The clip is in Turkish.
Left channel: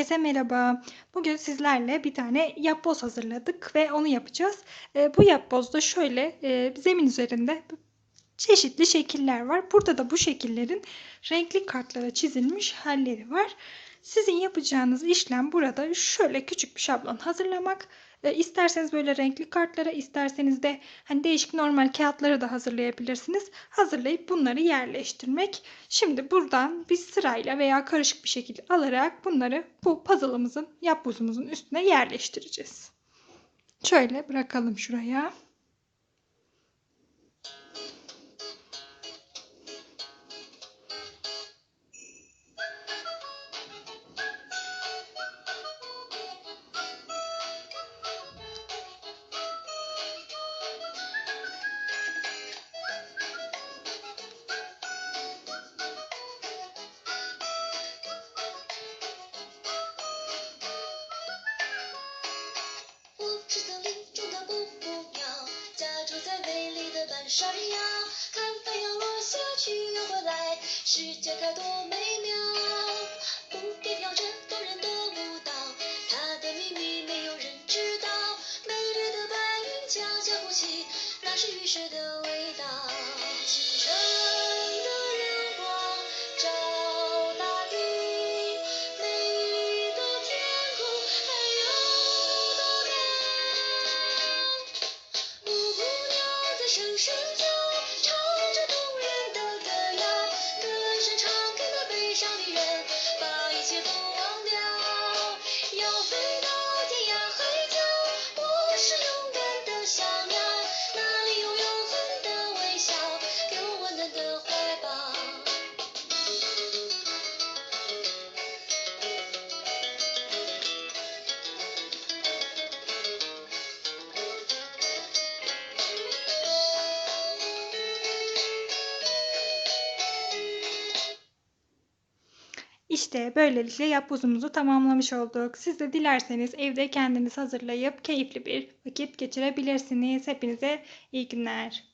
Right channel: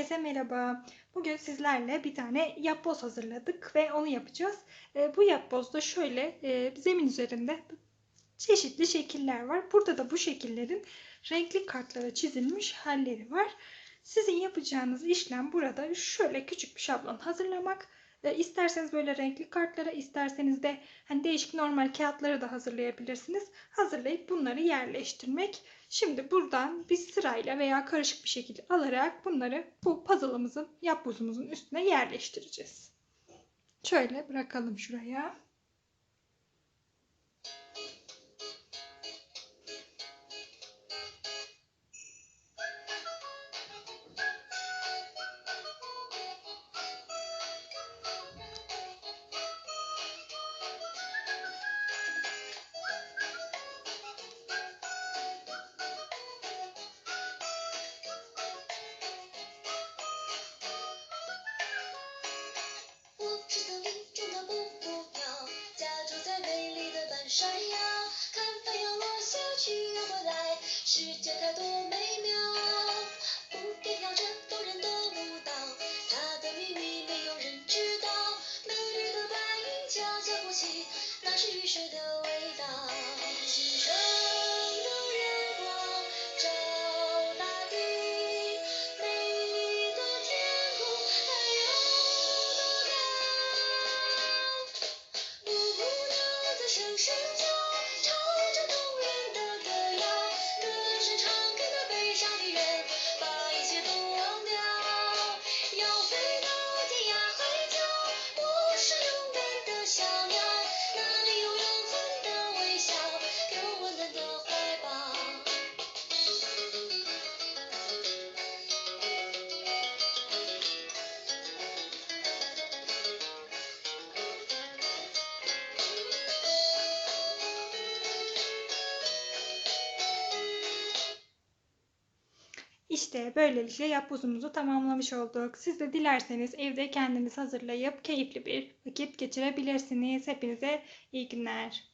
Herkese merhaba. Bugün sizlerle bir tane yapboz hazırladık ve onu yapacağız. Ee, bu yapbozda şöyle e, zemin üzerinde çeşitli şekiller var. Burada da bu şekillerin renkli kartlara çizilmiş halleri var. Sizin yapacağınız işlem burada şöyle küçük bir şablon hazırlamak. E, isterseniz böyle renkli kartlara, isterseniz de hani değişik normal kağıtları da hazırlayabilirsiniz. Hazırlayıp bunları yerleştirmek. Şimdi buradan bir sırayla veya karışık bir şekilde alarak bunları bu puzzle'ımızın, yapbozumuzun üstüne yerleştireceğiz. Şöyle bırakalım şuraya. 山腰。看太阳落下去又回来，世界它多美妙。蝴蝶跳着动人的舞蹈，它的秘密没有人知道。美丽的白云悄悄哭泣，那是雨水的味道。清晨声声叫，唱着动人的歌谣，歌声唱给那悲伤的人，把一切都 İşte böylelikle yapbozumuzu tamamlamış olduk. Siz de dilerseniz evde kendiniz hazırlayıp keyifli bir vakit geçirebilirsiniz. Hepinize iyi günler.